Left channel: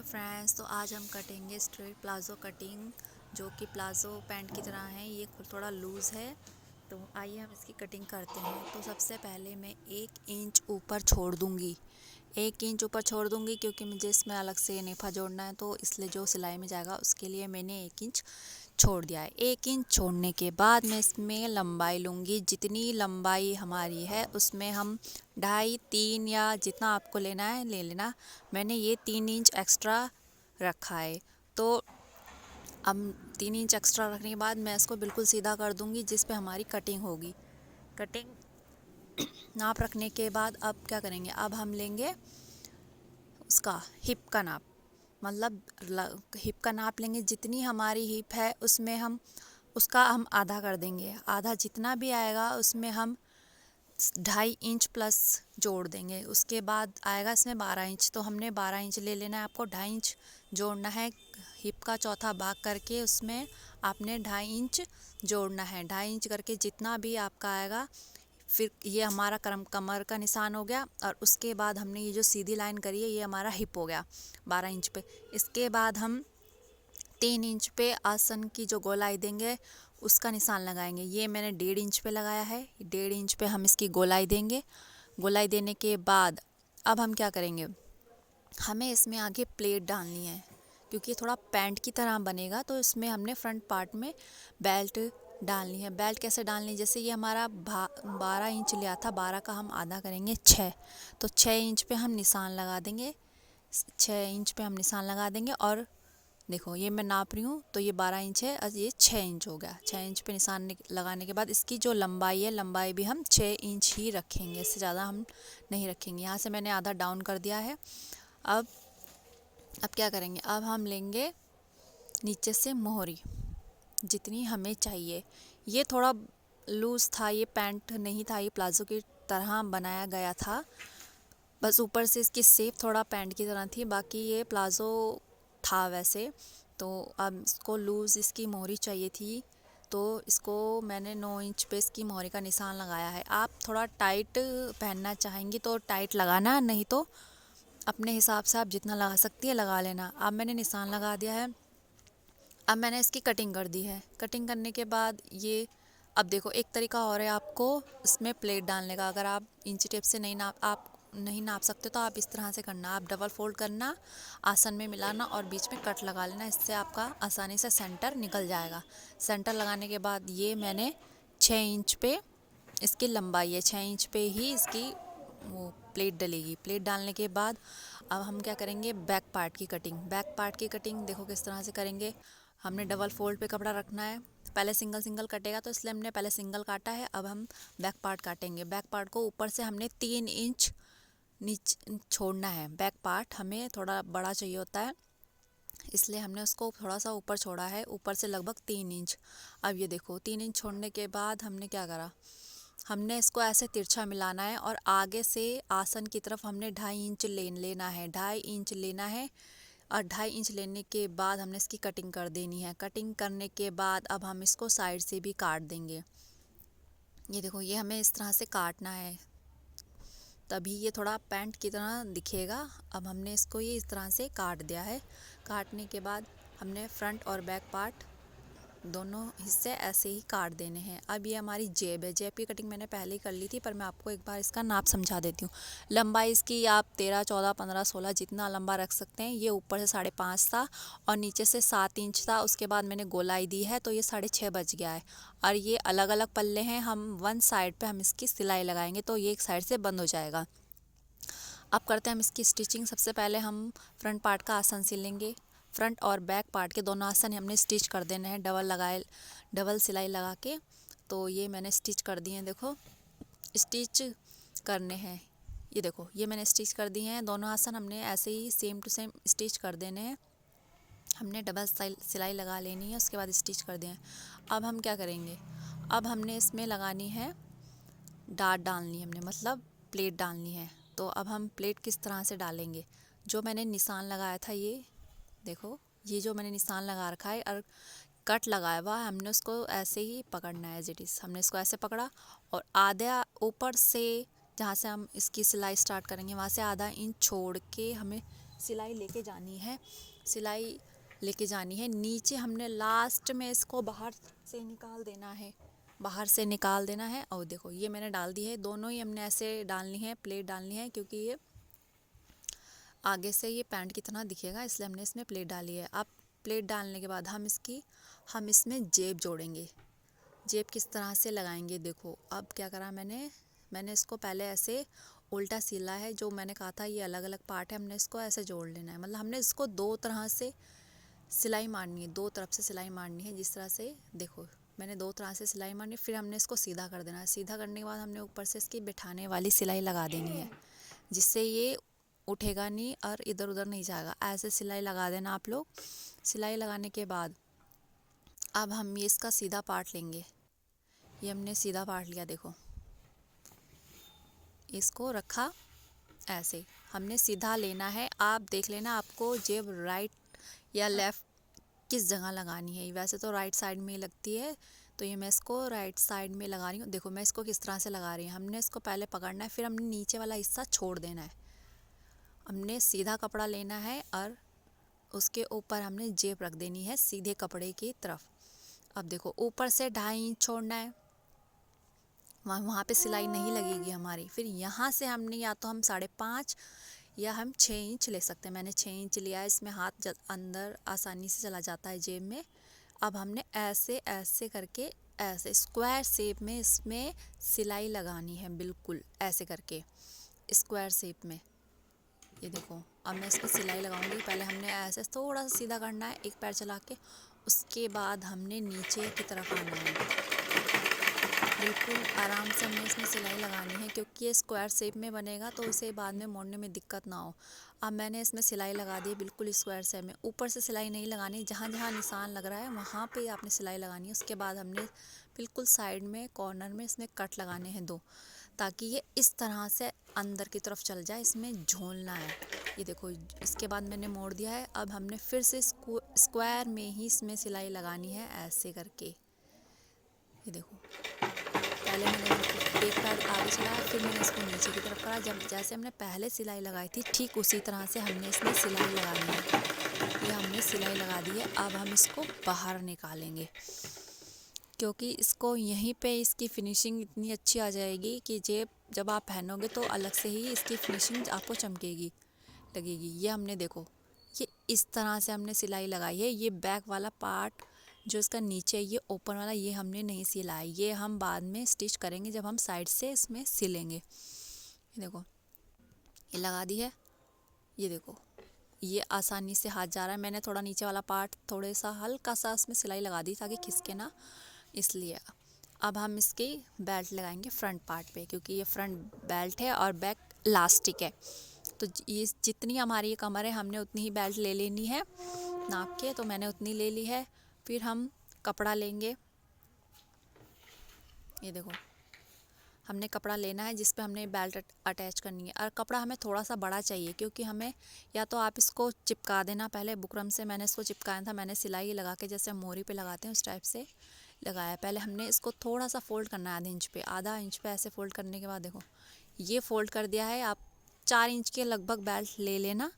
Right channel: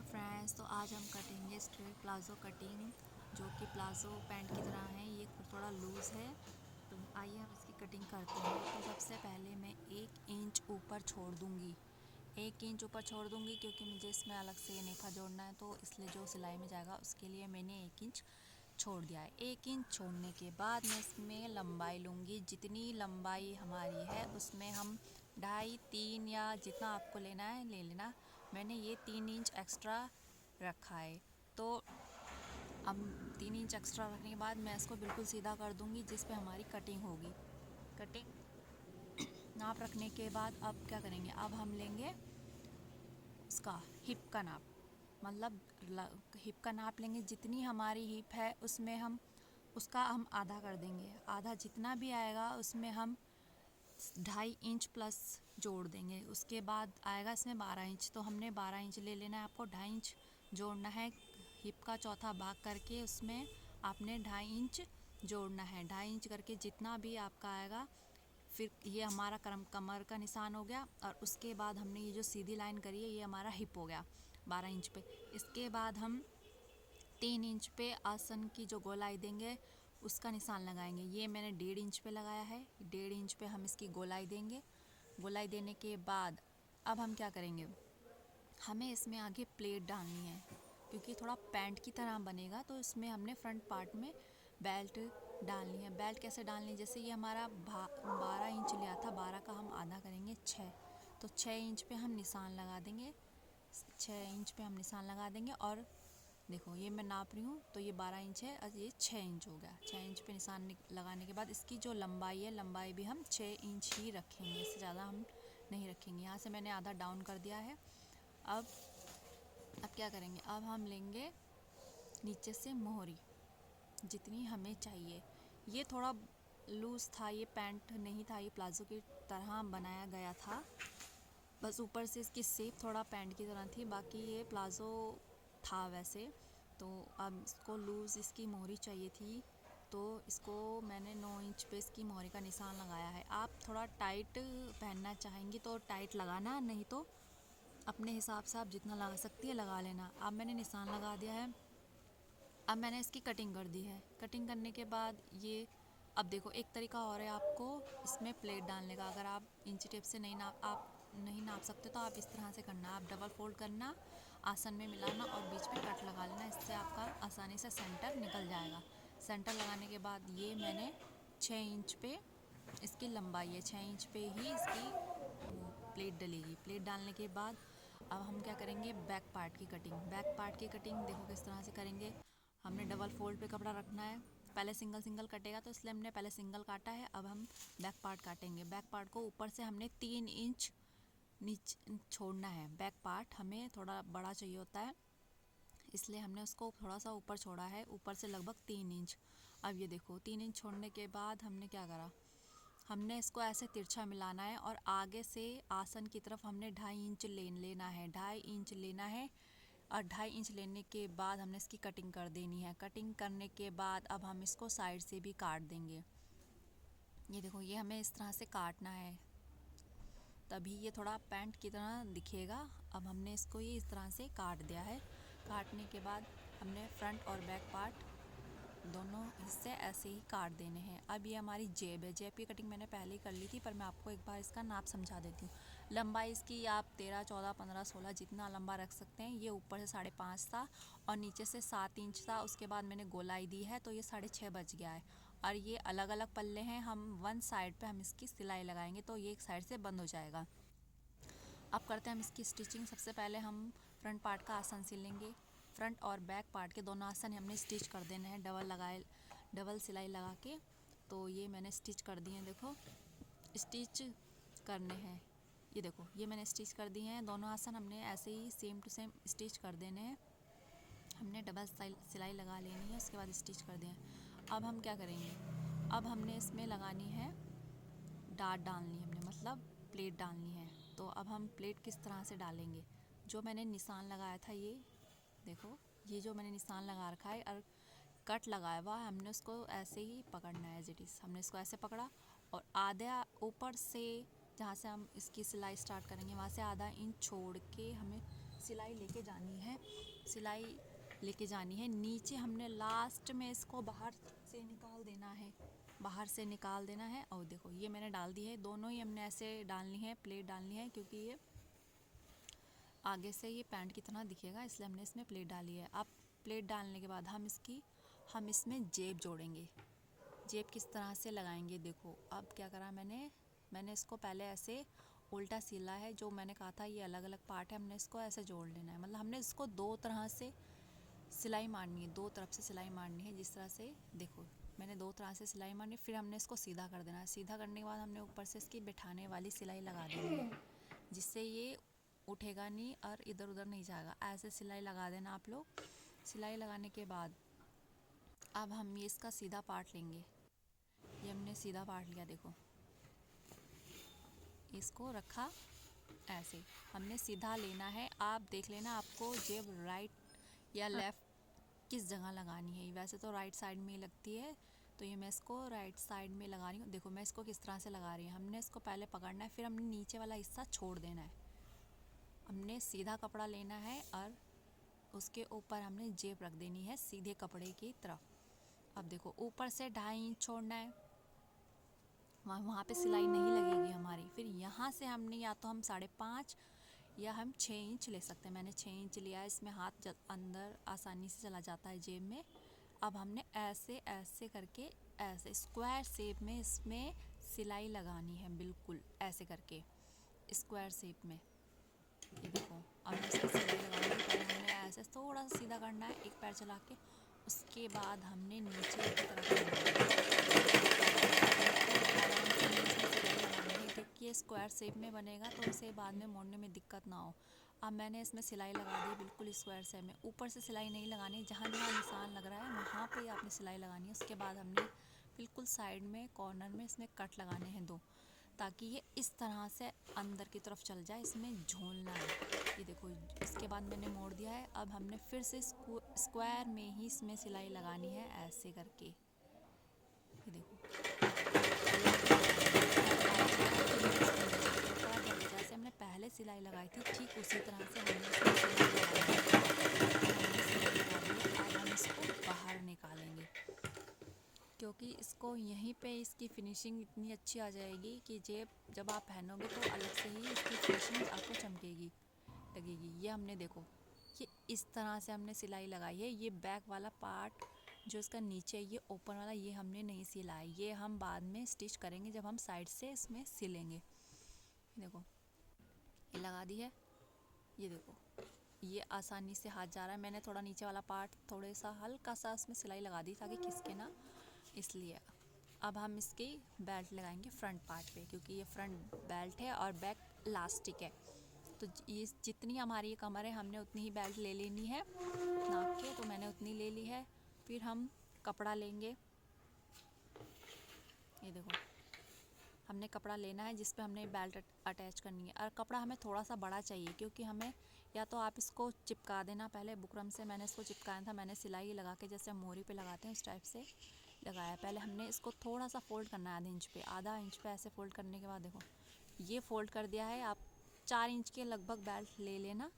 Hello friends, तो आज हम कटेंगे स्ट्रेट प्लाज़ो कटिंग, जो कि प्लाज़ो पैंट की तरह है। ये थोड़ा लूज़ है, तो आइए हम इसकी कटिंग करते हैं। तो सबसे पहले मैं 1 इंच ऊपर छोड़ दूँगी। 1 इंच ऊपर छोड़ दूँगी क्योंकि मुझे इसमें अलग से नेफा जोड़ना है, तो इसलिए जो सिलाई में जाएगा उसके लिए मैंने 1 इंच छोड़ दिया है। 1 इंच छोड़ने के बाद मैं इसमें लंबाई लूँगी। जितनी लंबाई हमारी है उसमें हम 2.5 3 या जितना आपको लेना है ले लेना। मैंने ये 3 इंच एक्स्ट्रा रखा है। तो अब 3 इंच एक्स्ट्रा रखने के बाद मैं इसको बिल्कुल सीधा कर दूँगी जिस पे हमारी कटिंग होगी। कटिंग नाप रखने के बाद अब क्या करेंगे, अब हम लेंगे उसका हिप का नाप। मतलब हिप का नाप लेंगे। जितनी हमारी हिप है उसमें हम उसका हम आधा कर देंगे। आधा जितना भी आएगा उसमें हम 2.5 इंच प्लस जोड़ देंगे। उसके बाद आएगा इसमें 12 इंच, तो हमने 12 इंच ले लेना है। आपको 2.5 इंच जोड़ना है। हिप का चौथा भाग करके उसमें आपने 2.5 इंच जोड़ना है। 2.5 इंच करके जितना भी आपका आएगा, फिर ये हमारा कमर का निशान हो गया। और उसके बाद हमने ये जो सीधी लाइन करी है ये हमारा हिप हो गया 12 इंच पे। इसके बाद हम 3 इंच पे आसन की जो गोलाई देंगे उसका निशान लगाएंगे। ये मैंने 1.5 इंच पे लगाया है। 1.5 इंच पे हम इसकी गोलाई देंगे। गोलाई देने के बाद अब हम क्या करेंगे, हमें इसमें आगे प्लेट डालनी है क्योंकि थोड़ा पैंट की तरह बनेगा। तो इसमें हमने फ्रंट पार्ट में बेल्ट डालनी है। बेल्ट कैसे डालनी है, जैसे ये हमारा 12 इंच लिया था, 12 का हम आधा करेंगे 6, तो 6 इंच पे हम निशान लगा देंगे। 6 इंच पे हम निशान लगा देंगे। और देखो ये मैं नाप रही हूँ, तो ये 12 इंच है और ये 6 इंच हो गया। 6 इंच पे निशान लगाने के बाद इसकी जो लंबाई है, लंबाई भी हम 6 इंच ही रखेंगे, इससे ज़्यादा हम नहीं रखेंगे। यहाँ से मैंने आधा डाउन कर दिया है। अब अब क्या करेंगे, अब हम लेंगे नीचे से मोहरी जितनी हमें चाहिए। ये थोड़ा लूज़ था, ये पैंट नहीं था, ये प्लाज़ो की तरह बनाया गया था। बस ऊपर से इसकी शेप थोड़ा पैंट की तरह थी, बाकी ये प्लाज़ो था वैसे। तो अब इसको लूज़ इसकी मोहरी चाहिए थी, तो इसको मैंने 9 इंच पे इसकी मोहरी का निशान लगाया है। आप थोड़ा टाइट पहनना चाहेंगी तो टाइट लगाना, नहीं तो अपने हिसाब से आप जितना लगा सकती है लगा लेना। अब मैंने निशान लगा दिया है। अब मैंने इसकी कटिंग कर दी है। कटिंग करने के बाद ये अब देखो एक तरीका और है आपको इसमें प्लेट डालने का। अगर आप इंची टेप से आप नहीं नाप सकते तो आप इस तरह से करना, आप डबल फोल्ड करना, आसन में मिलाना और बीच में कट लगा लेना। इससे आपका आसानी से सेंटर निकल जाएगा। सेंटर लगाने के बाद ये मैंने 6 इंच पे इसकी लंबाई है, 6 इंच पे ही इसकी वो प्लेट डलेगी। प्लेट डालने के बाद अब हम क्या करेंगे, बैक पार्ट की कटिंग। बैक पार्ट की कटिंग देखो किस तरह से करेंगे। हमने डबल फोल्ड पे कपड़ा रखना है। पहले सिंगल सिंगल कटेगा तो इसलिए हमने पहले सिंगल काटा है। अब हम बैक पार्ट काटेंगे। बैक पार्ट को ऊपर से हमने 3 इंच नीचे छोड़ना है। बैक पार्ट हमें थोड़ा बड़ा चाहिए होता है, इसलिए हमने उसको थोड़ा सा ऊपर छोड़ा है, ऊपर से लगभग 3 इंच। अब ये देखो 3 इंच छोड़ने के बाद हमने क्या करा, हमने इसको ऐसे तिरछा मिलाना है और आगे से आसन की तरफ हमने 2.5 इंच लेना है। 2.5 इंच लेना है और 2.5 इंच लेने के बाद हमने इसकी कटिंग कर देनी है। कटिंग करने के बाद अब हम इसको साइड से भी काट देंगे। ये देखो ये हमें इस तरह से काटना है, तभी ये थोड़ा पैंट की तरह दिखेगा। अब हमने इसको ये इस तरह से काट दिया है। काटने के बाद हमने फ्रंट और बैक पार्ट दोनों हिस्से ऐसे ही काट देने हैं। अब ये हमारी जेब है। जेब की कटिंग मैंने पहले ही कर ली थी, पर मैं आपको एक बार इसका नाप समझा देती हूँ। लंबाई इसकी आप 13 14 15 16 जितना लंबा रख सकते हैं। ये ऊपर से 5.5 था और नीचे से 7 इंच था। उसके बाद मैंने गोलाई दी है तो ये 6.5 बच गया है। और ये अलग अलग पल्ले हैं। हम वन साइड पे हम इसकी सिलाई लगाएंगे तो ये एक साइड से बंद हो जाएगा। अब करते हैं हम इसकी स्टिचिंग। सबसे पहले हम फ्रंट पार्ट का आसन सिलेंगे। फ्रंट और बैक पार्ट के दोनों आसन हमने स्टिच कर देने हैं डबल सिलाई लगा के। तो ये मैंने स्टिच कर दिए हैं, देखो स्टिच करने हैं। ये देखो ये मैंने स्टिच कर दिए हैं। दोनों आसन हमने ऐसे ही सेम टू सेम स्टिच कर देने हैं। हमने डबल सिलाई लगा लेनी है, उसके बाद स्टिच कर दिए। अब हम क्या करेंगे, अब हमने इसमें लगानी है डाट डालनी है, हमने मतलब प्लेट डालनी है। तो अब हम प्लेट किस तरह से डालेंगे, जो मैंने निशान लगाया था ये देखो, ये जो मैंने निशान लगा रखा है और कट लगाया हुआ हमने उसको ऐसे ही पकड़ना है एज इट इज़। हमने इसको ऐसे पकड़ा और आधा ऊपर से जहाँ से हम इसकी सिलाई स्टार्ट करेंगे वहाँ से आधा इंच छोड़ के हमें सिलाई लेके जानी है, सिलाई लेके जानी है। नीचे हमने लास्ट में इसको बाहर से निकाल देना है, बाहर से निकाल देना है। और देखो ये मैंने डाल दी है, दोनों ही हमने ऐसे डालनी है, प्लेट डालनी है, क्योंकि ये आगे से ये पैंट की तरह दिखेगा, इसलिए हमने इसमें प्लेट डाली है। अब प्लेट डालने के बाद हम इसमें जेब जोड़ेंगे। जेब किस तरह से लगाएंगे देखो। अब क्या करा मैंने इसको पहले ऐसे उल्टा सिला है, जो मैंने कहा था ये अलग अलग पार्ट है, हमने इसको ऐसे जोड़ लेना है। मतलब हमने इसको दो तरह से सिलाई मारनी है, दो तरफ से सिलाई मारनी है। जिस तरह से देखो मैंने दो तरह से सिलाई मारनी है, फिर हमने इसको सीधा कर देना है। सीधा करने के बाद हमने ऊपर से इसकी बिठाने वाली सिलाई लगा देनी है, जिससे ये उठेगा नहीं और इधर उधर नहीं जाएगा। ऐसे सिलाई लगा देना आप लोग। सिलाई लगाने के बाद अब हम ये इसका सीधा पार्ट लेंगे। ये हमने सीधा पार्ट लिया, देखो इसको रखा ऐसे, हमने सीधा लेना है। आप देख लेना आपको जेब राइट या लेफ़्ट किस जगह लगानी है। वैसे तो राइट साइड में ही लगती है, तो ये मैं इसको राइट साइड में लगा रही हूँ। देखो मैं इसको किस तरह से लगा रही हूँ। हमने इसको पहले पकड़ना है, फिर हमने नीचे वाला हिस्सा छोड़ देना है। हमने सीधा कपड़ा लेना है और उसके ऊपर हमने जेब रख देनी है सीधे कपड़े की तरफ। अब देखो ऊपर से 2.5 इंच छोड़ना है, वहाँ पे सिलाई नहीं लगेगी हमारी। फिर यहाँ से हमने या तो हम 5.5 या हम 6 इंच ले सकते हैं। मैंने 6 इंच लिया है, इसमें हाथ अंदर आसानी से चला जाता है जेब में। अब हमने ऐसे ऐसे करके ऐसे स्क्वायर शेप में इसमें सिलाई लगानी है, बिल्कुल ऐसे करके स्क्वायर शेप में। ये देखो अब मैं इसमें सिलाई लगाऊंगी। पहले हमने ऐसे थोड़ा सा सीधा करना है, एक पैर चला के, उसके बाद हमने नीचे की तरफ आना है। बिल्कुल आराम से हमें इसमें सिलाई लगानी है, क्योंकि ये स्क्वायर शेप में बनेगा तो उसे बाद में मोड़ने में दिक्कत ना हो। अब मैंने इसमें सिलाई लगा दी बिल्कुल स्क्वायर शेप में। ऊपर से सिलाई नहीं लगानी, जहाँ जहाँ निशान लग रहा है वहाँ पे आपने सिलाई लगानी है। उसके बाद हमने बिल्कुल साइड में कॉर्नर में इसमें कट लगाने हैं 2, ताकि ये इस तरह से अंदर की तरफ चल जाए, इसमें झोलना है। ये देखो इसके बाद मैंने मोड़ दिया है। अब हमने फिर से स्क्वायर में ही इसमें सिलाई लगानी है ऐसे करके। ये देखो पहले मैंने एक पैर आगे चलाया, फिर मैंने इसको नीचे की तरफ करा। जब जैसे हमने पहले सिलाई लगाई थी ठीक उसी तरह से हमने इसमें सिलाई लगानी है। ये हमने सिलाई लगा दी है। अब हम इसको बाहर निकालेंगे, क्योंकि इसको यहीं पे इसकी फिनिशिंग इतनी अच्छी आ जाएगी कि जेब जब आप पहनोगे तो अलग से ही इसकी फिनिशिंग आपको चमकेगी लगेगी। ये हमने देखो ये इस तरह से हमने सिलाई लगाई है। ये बैक वाला पार्ट जो इसका नीचे है, ये ओपन वाला, ये हमने नहीं सिला है। ये हम बाद में स्टिच करेंगे जब हम साइड से इसमें सिलेंगे। ये देखो ये लगा दी है। ये देखो ये आसानी से हाथ जा रहा है। मैंने थोड़ा नीचे वाला पार्ट थोड़े सा हल्का सा उसमें सिलाई लगा दी ताकि खिसके ना, इसलिए। अब हम इसकी बेल्ट लगाएंगे फ्रंट पार्ट पे, क्योंकि ये फ्रंट बेल्ट है और बैक इलास्टिक है। तो ये जितनी हमारी ये कमर है हमने उतनी ही बेल्ट ले लेनी है नाप के, तो मैंने उतनी ले ली है। फिर हम कपड़ा लेंगे। ये देखो हमने कपड़ा लेना है जिस पे हमने बेल्ट अटैच करनी है, और कपड़ा हमें थोड़ा सा बड़ा चाहिए, क्योंकि हमें या तो आप इसको चिपका देना। पहले बुकरम से मैंने इसको चिपकाया था, मैंने सिलाई लगा के जैसे हम मोरी पे लगाते हैं उस टाइप से लगाया। पहले हमने इसको थोड़ा सा फोल्ड करना है आधा इंच पे ऐसे फोल्ड करने के बाद देखो ये फोल्ड कर दिया है। आप 4 इंच के लगभग बेल्ट ले लेना।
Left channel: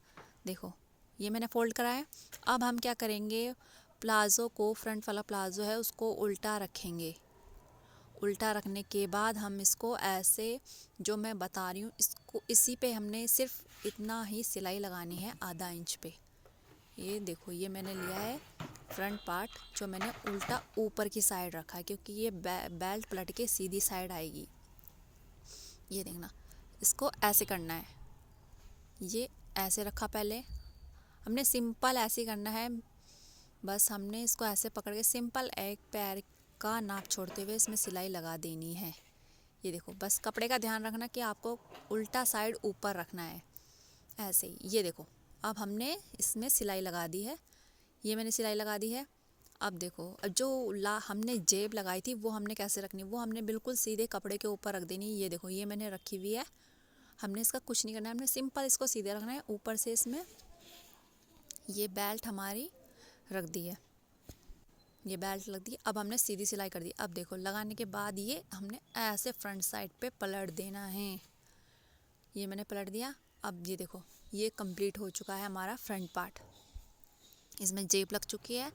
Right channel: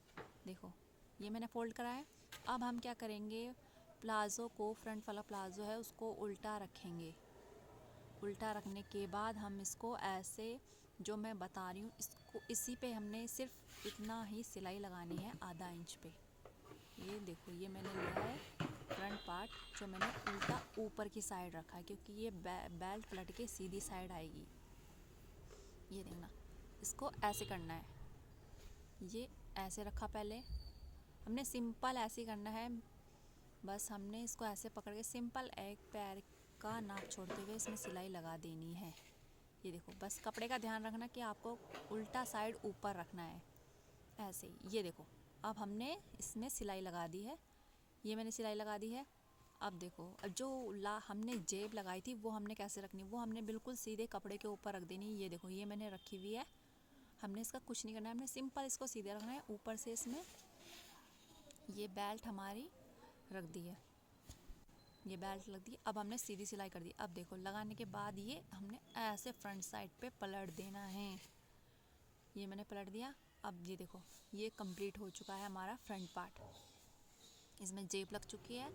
देखो ये मैंने फोल्ड करा है। अब हम क्या करेंगे, प्लाज़ो को, फ्रंट वाला प्लाज़ो है उसको उल्टा रखेंगे। उल्टा रखने के बाद हम इसको ऐसे जो मैं बता रही हूँ इसको इसी पे हमने सिर्फ इतना ही सिलाई लगानी है आधा इंच पे। ये देखो ये मैंने लिया है फ्रंट पार्ट जो मैंने उल्टा ऊपर की साइड रखा है, क्योंकि ये बेल्ट पलट के सीधी साइड आएगी। ये देखना इसको ऐसे करना है। ये ऐसे रखा, पहले हमने सिंपल ऐसे करना है। बस हमने इसको ऐसे पकड़ के सिंपल एक पैर का नाप छोड़ते हुए इसमें सिलाई लगा देनी है। ये देखो बस कपड़े का ध्यान रखना कि आपको उल्टा साइड ऊपर रखना है ऐसे ही। ये देखो अब हमने इसमें सिलाई लगा दी है। ये मैंने सिलाई लगा दी है। अब देखो जो हमने जेब लगाई थी वो हमने कैसे रखनी, वो हमने बिल्कुल सीधे कपड़े के ऊपर रख देनी। ये देखो ये मैंने रखी हुई है। हमने इसका कुछ नहीं करना है, हमने सिंपल इसको सीधे रखना है। ऊपर से इसमें ये बेल्ट हमारी रख दी है, ये बेल्ट लग दी। अब हमने सीधी सिलाई कर दी। अब देखो लगाने के बाद ये हमने ऐसे फ्रंट साइड पे पलट देना है। ये मैंने पलट दिया। अब ये देखो ये कंप्लीट हो चुका है हमारा फ्रंट पार्ट। इसमें जेब लग चुकी है।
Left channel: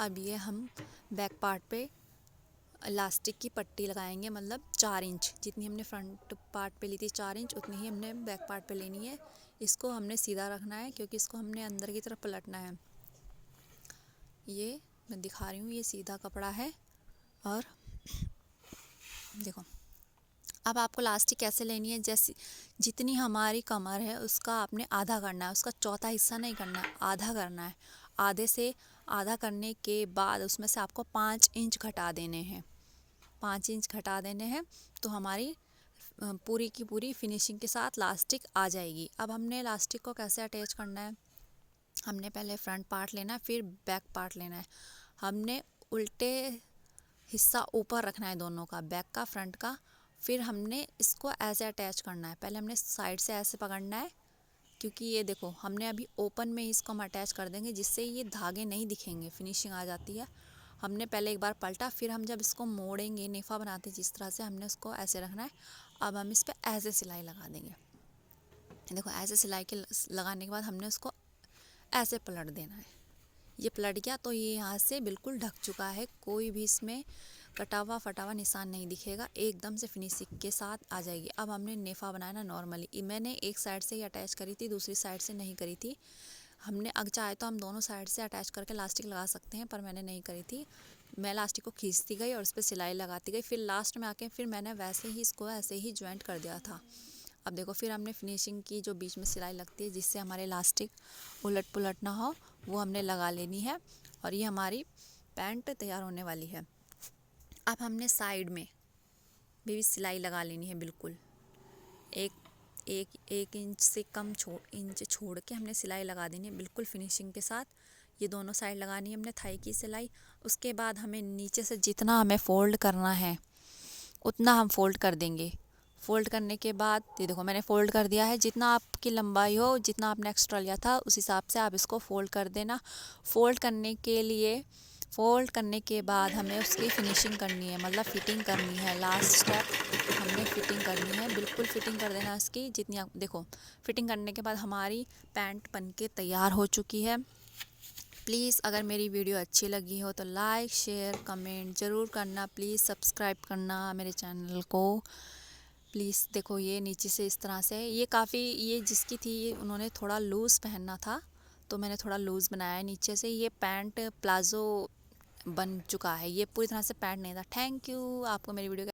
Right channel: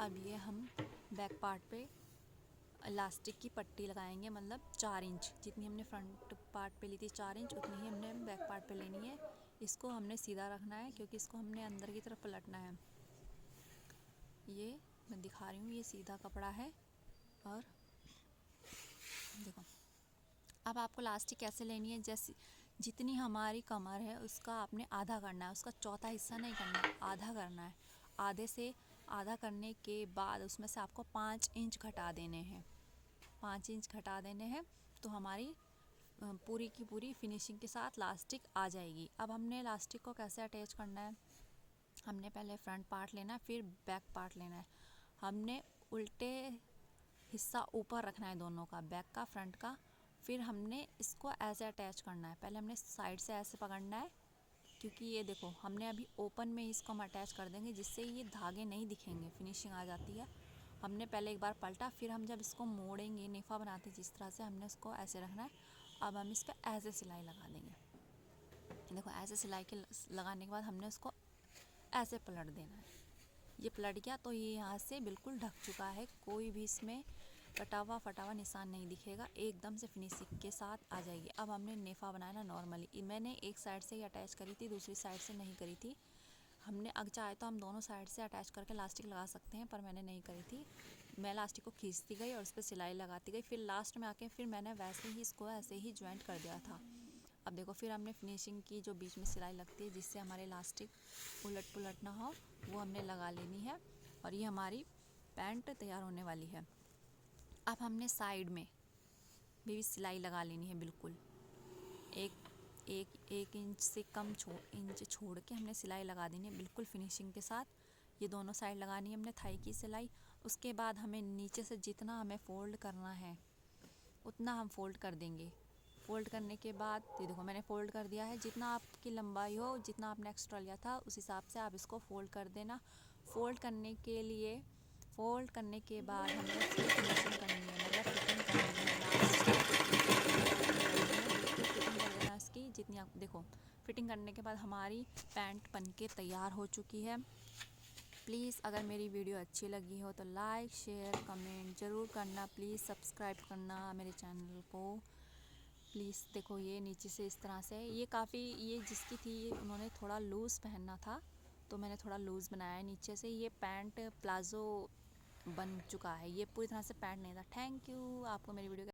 अब ये हम बैक पार्ट पे इलास्टिक की पट्टी लगाएंगे, मतलब 4 इंच जितनी हमने फ्रंट पार्ट पे ली थी 4 इंच उतनी ही हमने बैक पार्ट पे लेनी है। इसको हमने सीधा रखना है क्योंकि इसको हमने अंदर की तरफ पलटना है। ये मैं दिखा रही हूँ, ये सीधा कपड़ा है। और देखो अब आपको इलास्टिक कैसे लेनी है, जैसे जितनी हमारी कमर है उसका आपने आधा करना है, उसका चौथा हिस्सा नहीं करना है, आधा करना है। आधे से आधा करने के बाद उसमें से आपको 5 इंच घटा देने हैं, 5 इंच घटा देने हैं तो हमारी पूरी की पूरी फिनिशिंग के साथ इलास्टिक आ जाएगी। अब हमने इलास्टिक को कैसे अटैच करना है, हमने पहले फ्रंट पार्ट लेना है फिर बैक पार्ट लेना है। हमने उल्टे हिस्सा ऊपर रखना है दोनों का, बैक का फ्रंट का। फिर हमने इसको ऐसे अटैच करना है, पहले हमने साइड से ऐसे पकड़ना है क्योंकि ये देखो हमने अभी ओपन में ही इसको हम अटैच कर देंगे जिससे ये धागे नहीं दिखेंगे, फिनिशिंग आ जाती है। हमने पहले एक बार पलटा, फिर हम जब इसको मोड़ेंगे नेफा बनाते जिस तरह से हमने उसको ऐसे रखना है। अब हम इस पर ऐसे सिलाई लगा देंगे। देखो ऐसे सिलाई के लगाने के बाद हमने उसको ऐसे पलट देना है। ये पलट गया तो ये यहाँ से बिल्कुल ढक चुका है, कोई भी इसमें कटा हुआ फटा हुआ निशान नहीं दिखेगा, एकदम से फिनिशिंग के साथ आ जाएगी। अब हमने नेफा बनाया ना नॉर्मली, मैंने एक साइड से ही अटैच करी थी, दूसरी साइड से नहीं करी थी। हमने अगर चाहे तो हम दोनों साइड से अटैच करके इलास्टिक लगा सकते हैं, पर मैंने नहीं करी थी। मैं इलास्टिक को खींचती गई और उस पर सिलाई लगाती गई, फिर लास्ट में आके फिर मैंने वैसे ही इसको ऐसे ही ज्वाइंट कर दिया था। अब देखो फिर हमने फिनिशिंग की जो बीच में सिलाई लगती है जिससे हमारे इलास्टिक उलट पुलट ना हो, वो हमने लगा लेनी है। और ये हमारी पैंट तैयार होने वाली है। अब हमने साइड में भी सिलाई लगा लेनी है, बिल्कुल एक इंच से कम इंच छोड़ के हमने सिलाई लगा देनी है बिल्कुल फिनिशिंग के साथ। ये दोनों साइड लगानी है हमने थाई की सिलाई। उसके बाद हमें नीचे से जितना हमें फ़ोल्ड करना है उतना हम फ़ोल्ड कर देंगे। फ़ोल्ड करने के बाद ये देखो मैंने फ़ोल्ड कर दिया है, जितना आपकी लंबाई हो, जितना आपने एक्स्ट्रा लिया था उस हिसाब से आप इसको फ़ोल्ड कर देना। फ़ोल्ड करने के बाद हमें उसकी फिनिशिंग करनी है, मतलब फ़िटिंग करनी है। लास्ट स्टेप हमने फ़िटिंग करनी है, बिल्कुल फ़िटिंग कर देना इसकी जितनी आप देखो। फ़िटिंग करने के बाद हमारी पैंट बनके तैयार हो चुकी है। प्लीज़ अगर मेरी वीडियो अच्छी लगी हो तो लाइक शेयर कमेंट ज़रूर करना। प्लीज़ सब्सक्राइब करना मेरे चैनल को प्लीज़। देखो ये नीचे से इस तरह से, ये काफ़ी, ये जिसकी थी ये उन्होंने थोड़ा लूज़ पहनना था तो मैंने थोड़ा लूज़ बनाया है नीचे से। ये पैंट प्लाज़ो बन चुका है, ये पूरी तरह से पैंट नहीं था। Thank you. आपको मेरी वीडियो